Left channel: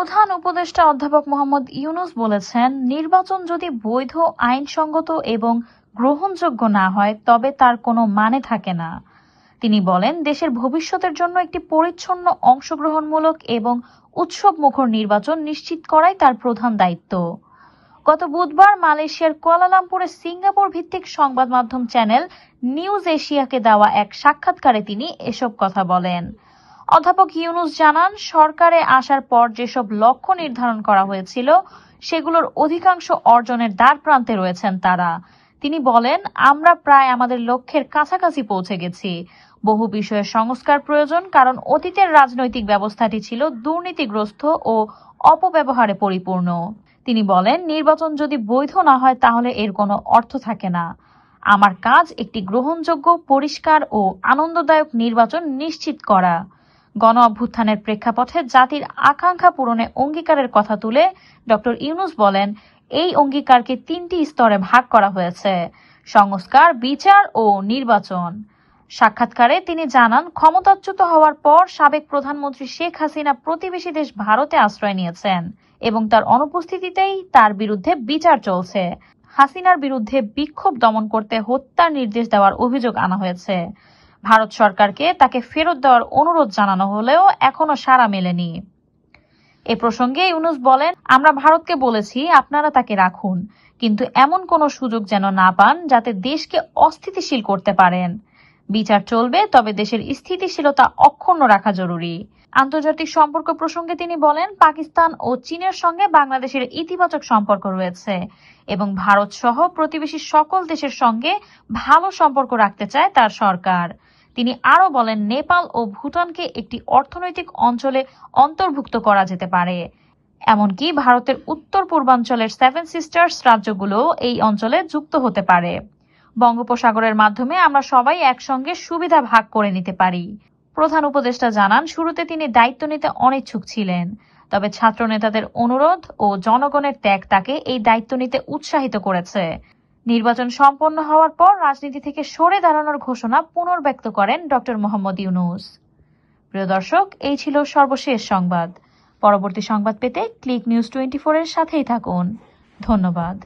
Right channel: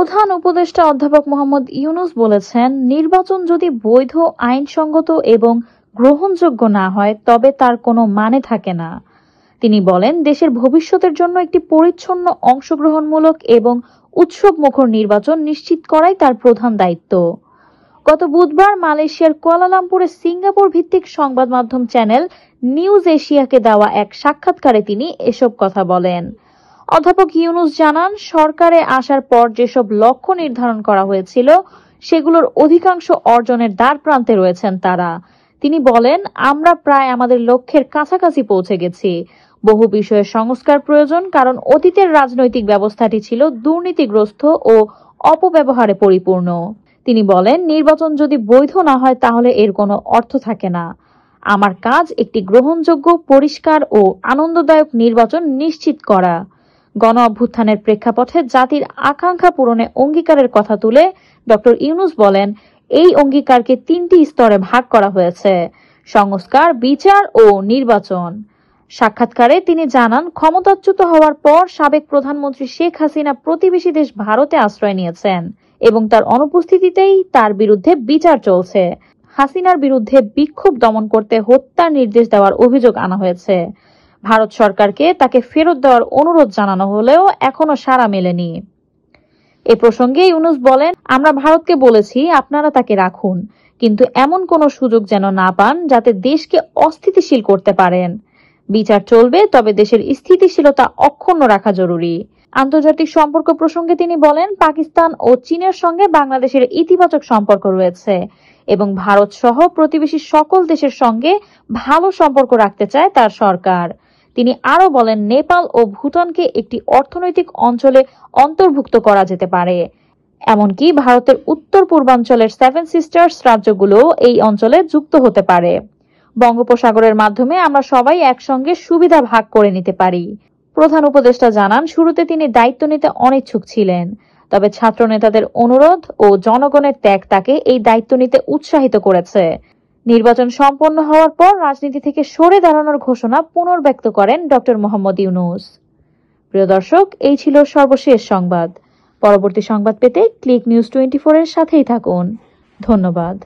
প্রধান উপদেষ্টা অধ্যাপক মোহাম্মদ ইউনূস বলেছেন, নির্বাচন যদি বৈধ, আইনসঙ্গত এবং গ্রহণযোগ্য না হয় তবে তার কোনো মানে থাকে না। তিনি বলেন, দেশের ভবিষ্যতের জন্য একটি পরিচ্ছন্ন, অংশগ্রহণমূলক এবং উৎসবমুখর নির্বাচন নিশ্চিত করাই তার প্রধান দায়িত্ব। গত বুধবার মালয়েশিয়ার কুয়ালালামপুরে সিঙ্গাপুর ভিত্তিক সংবাদ মাধ্যম চ্যানেল নিউজ এশিয়াকে দেওয়া এক সাক্ষাৎকারে তিনি এসব কথা বলেন। অধ্যাপক ইউনূস জানান, সরকারে আসার পর যেসব লক্ষ্য নির্ধারণ করা হয়েছিল সেগুলোর অধিকাংশ অর্জনের দ্বারপ্রান্তে রয়েছেন তারা। তিনি বলেন, আমরা প্রায় আমাদের লক্ষ্যের কাছাকাছি পৌঁছে গেছি। বহু বিষয়ে সংস্কার প্রয়োজন, কারণ অতীতের রাজনৈতিক ব্যবস্থাটি ছিল দুর্নীতিগ্রস্ত ও অপব্যবহারে পরিপূর্ণ। তিনি বলেন, নির্বাচন যদি বৈধ না হয় তাহলে এর কোনো অর্থ থাকে না। আমার কাজ একটি গ্রহণযোগ্য, পরিষ্কার ও আনন্দদায়ক নির্বাচন নিশ্চিত করা। গণ অভ্যুত্থানের প্রেক্ষাপটে জাতির আকাঙ্ক্ষা পূরণে অঙ্গীকারের কথা তুলে ডক্টর ইউনূস বলেন, এই অঙ্গীকারকে 3টি স্তরে ভাগ করা হয়েছে: সংস্কার, বিচার ও নির্বাচন। সাক্ষাৎকারে তিনি জানান, ক্ষমতাচ্যুত হওয়ার পর সাবেক প্রধানমন্ত্রী শেখ হাসিনা প্রতিবেশী দেশ ভারতে আশ্রয় নিয়েছেন এবং তার অনুপস্থিতিতেই তার বিরুদ্ধে বিচার চলছে। হাসিনার বিরুদ্ধে বিক্ষোভ দমন করতে হত্যার নির্দেশ দেওয়ার অভিযোগ আনা হয়েছে। ভারত সরকারকে তাকে ফেরত দেওয়ার অনুরোধ জানানো হলেও এখনো সাড়া মেলেনি। এ প্রসঙ্গে ইউনূস বলেন, আমরা ভারতকে বলেছি আপনারা তাকে রাখুন, কিন্তু এমন কোন সুযোগ যেন না পান যাতে দেশকে অস্থিতিশীল করতে পারেন। বিচার চলবে, তবে দেশের স্থিতিশীলতা অক্ষুণ্ণ রাখা জরুরি। আন্তর্জাতিক সম্পর্ক প্রসঙ্গে তিনি বলেন, পাকিস্তান ও চীনের সঙ্গে বাংলাদেশের ইতিবাচক সম্পর্ক রয়েছে এবং ভারত সহ প্রতিবেশী সকল দেশের সঙ্গে ভালো সম্পর্ক রাখতে চায় তার সরকার। তিনি আরো বলেন, নেপাল ও ভুটানকে একটি অর্থনৈতিক অঞ্চলে অন্তর্ভুক্ত করা যেতে পারে। এমনকি ভারতের উত্তর পূর্বাঞ্চলের 7 সিস্টার্স রাজ্যগুলো এই অঞ্চলে যুক্ত হতে পারে। বঙ্গোপসাগরের মাধ্যমে আমরা সবাই একসঙ্গে সুবিধা ভাগ করে নিতে পারি। প্রধান উপদেষ্টা জানান, শুরুতে তিনি দায়িত্ব নিতে অনিচ্ছুক ছিলেন, তবে ছাত্র নেতাদের অনুরোধ ও জনগণের ত্যাগ তাকে এই দায়িত্ব নিতে উৎসাহিত করেছে। নির্বাচন সম্পন্ন হওয়ার পর রাজনীতি থেকে সরে দাঁড়ানোর ঘোষণা পুনর্ব্যক্ত করেন ডক্টর মোহাম্মদ ইউনূস। প্রিয় দর্শক, এই ছিল সর্বশেষ সংবাদ। পরবর্তী সংবাদ পেতে ক্লিক নিউজ 24 এর সাথেই থাকুন। ধন্যবাদ।